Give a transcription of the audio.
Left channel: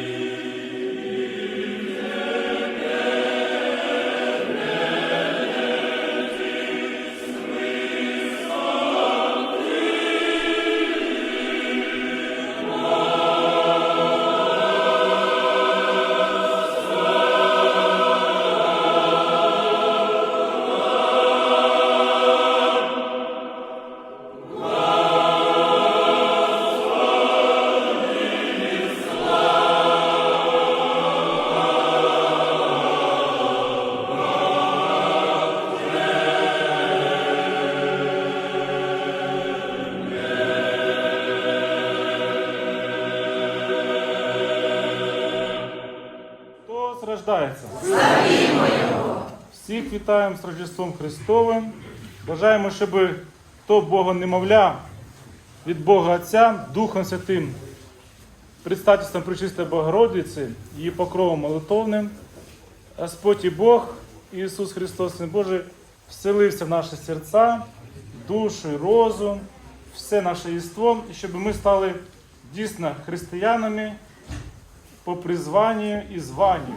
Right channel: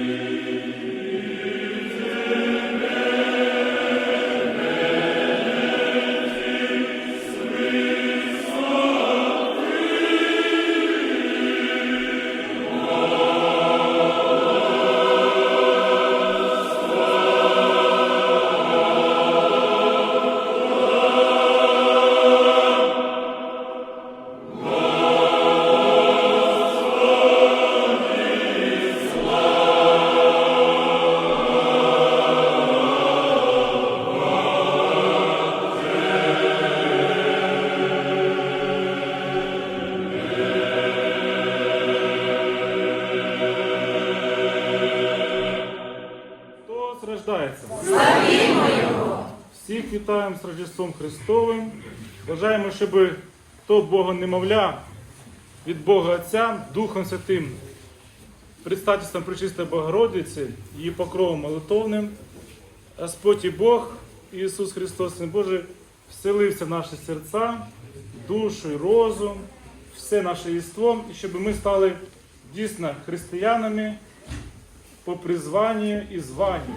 you. Всіх вітаємо з Рождеством Христовим. Бажаємо, щоб то Бога немовля від Бога Отця, Духом Святим, предстательством Пречистої Богородиці, її покровом молитовним, Господь і Бог, Ісус Христос, Син Божий, вселився в наші серця, душу розум, все наше єство, і щоб ми стали дійсно християнами по призванню і званню.